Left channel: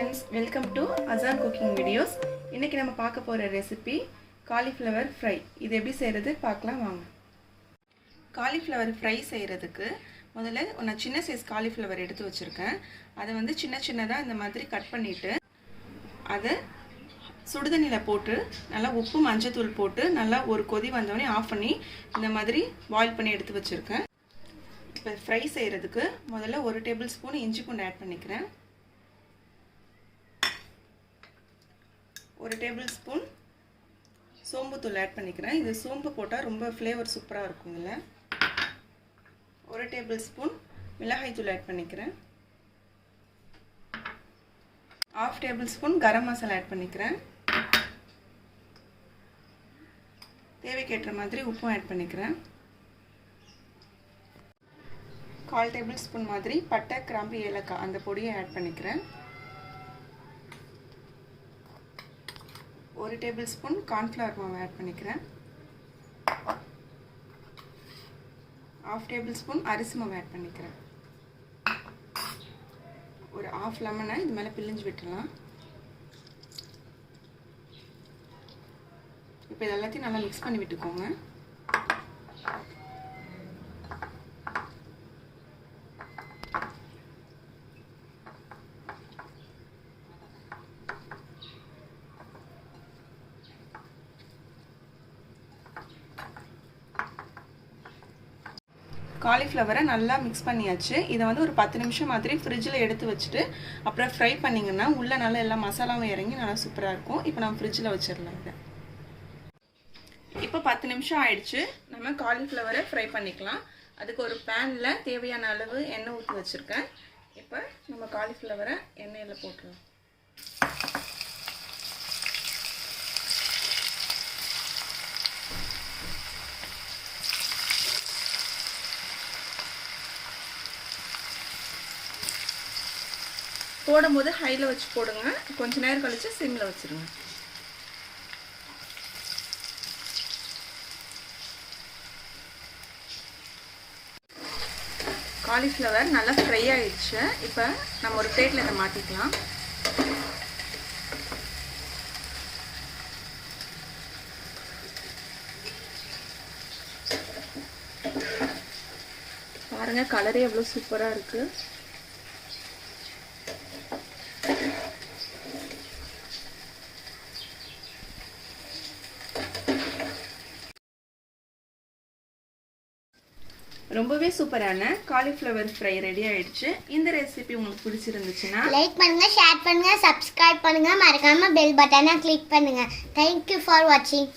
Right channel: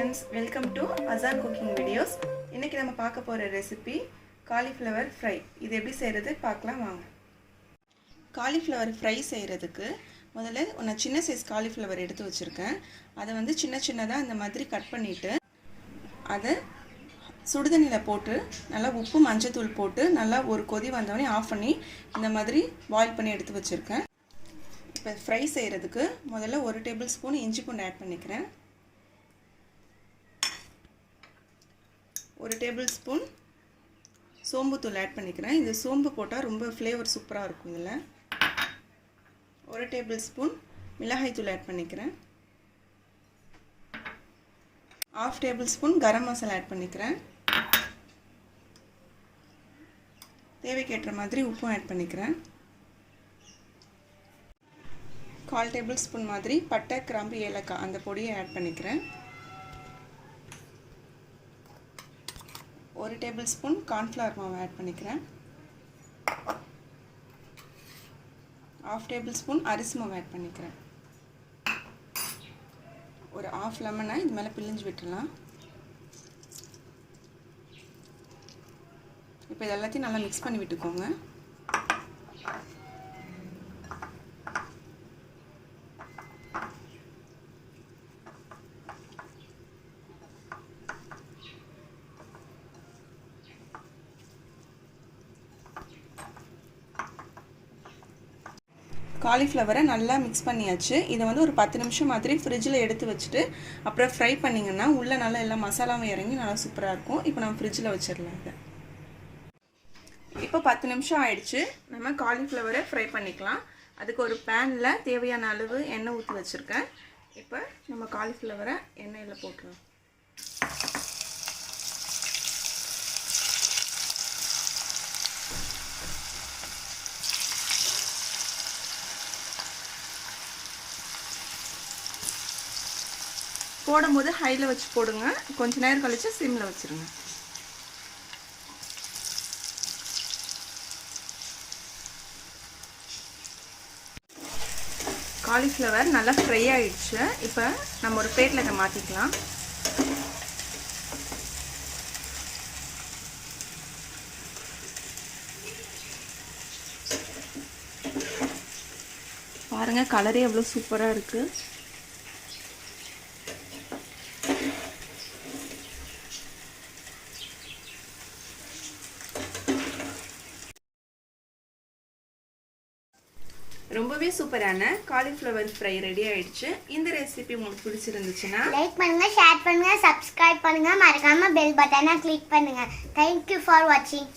friends, welcome to Azan Cooking videos. இன்னைக்கு நம்ம பார்க்க போற ரெசிபி cauliflower fry. இது எப்படி செய்யறது பார்க்கலாம் வாங்க. cauliflower fry செய்யிறதுக்கு முதல்ல நான் சின்ன சைஸ் cauliflower எடுத்து வச்சிருக்கேன். அதை வந்து சின்னதா இந்த மாதிரி கட் பண்ணிட்டு அதை சுடுதண்ணில போட்டு நல்லா உப்பு மஞ்சள் தூள் போட்டு நல்லா ஒரு கொதி வந்தவனே ஆஃப் பண்ணி இந்த மாதிரி பாயில் பண்ணி எடுத்து வச்சிருக்கேன். இப்போ ஃப்ரை செய்யிறதுக்கு முதல்ல 1 டேபிள்ஸ்பூன் இஞ்சி பூண்டு ஆட் பண்ணிக்கிறேன். 1 டேபிள்ஸ்பூன் சோம்பு தூள் ஆட் பண்ணிக்கிறேன். இந்த சோம்பு போட்டால் ரொம்ப ஃப்ளேவர் சூப்பராக இருக்கும். இதில் 1 டேபிள்ஸ்பூன் மிளகாய் தூள் ஆட் பண்ணிக்கிறேன். 1/2 டேபிள்ஸ்பூன் கரம் மசாலா ஆட் பண்ணிக்கிறேன். தேவைக்கேற்ற மாதிரி உப்பும் ஆட் பண்ணிக்கிறேன். 1/4 டேபிள்ஸ்பூன் மாதிரி பட்டை கிராம்பு ஏலக்காய் அந்த பொடியை ஆட் பண்ணிக்கிறேன். 1 டேபிள்ஸ்பூன் கார்ன்ஃப்ளவர் மாவு ஆட் பண்ணிக்கிறேன். 1/2 டேபிள்ஸ்பூன் அரிசி மாவு ஆட் பண்ணிக்கிறேன். ஒரு 1/2 லெமனை இது மேலே பிழிஞ்சு விட்டுடலாம். இப்போ இது எல்லாத்தையும் நல்லா மிக்ஸ் பண்ணி விட்டுக்கோங்க. காலிஃப்ளவரை நல்லா மிக்ஸ் பண்ணியாச்சு. இதை வந்து ஒரு 10 நிமிஷம் மாதிரி ஃப்ரிட்ஜில் எடுத்து வச்சுட்டு அப்புறம் ஃப்ரை பண்ணிங்கன்னா உள்ளே நல்லா எல்லா மசாலாவும் இறங்கி நல்லா சூப்பராக இருக்கும். இப்போ நம்ம ஃப்ரிட்ஜில் வச்சிடலாம். இதை இப்போ 10 நிமிஷம் ஆயிடுச்சு. நம்ம காலிஃப்ளவரை ஃப்ரை பண்ணிக்கலாம். அதுக்கு ஒரு பேனில் தேவையான அளவு எண்ணெய் ஊற்றி வச்சுருக்கேன். இப்போ நம்ம காலிஃப்ளவரை எண்ணெயில் போட்டுருவோம். போடும்போது ஹையில் வச்சு போடுங்க. கொஞ்ச நேரம் கழிச்சு சிம்மில் வச்சுருங்க. காலிஃப்ளவர் நல்லா ஃப்ரை ஆயிடுச்சு. இப்போ நம்ம ஒரு பிளேட்டில் இதை மாற்றிக்கலாம். பாருங்கள், கலரே எவ்வளோ சூப்பராக இருக்குது. ரொம்பவே சூப்பரான காலிஃப்ளவர் ஃப்ரை ரெடி ஆயிடுச்சு. இந்த ரெசிபி உங்களுக்கு பிடிச்சிருந்துச்சுன்னா லைக் பண்ணுங்க, ஷேர் பண்ணுங்க, சப்ஸ்கிரைப் பண்ணுங்க, மறக்காம பெல் பட்டனை கிளிக் பண்ணுங்க. Thank you for watching.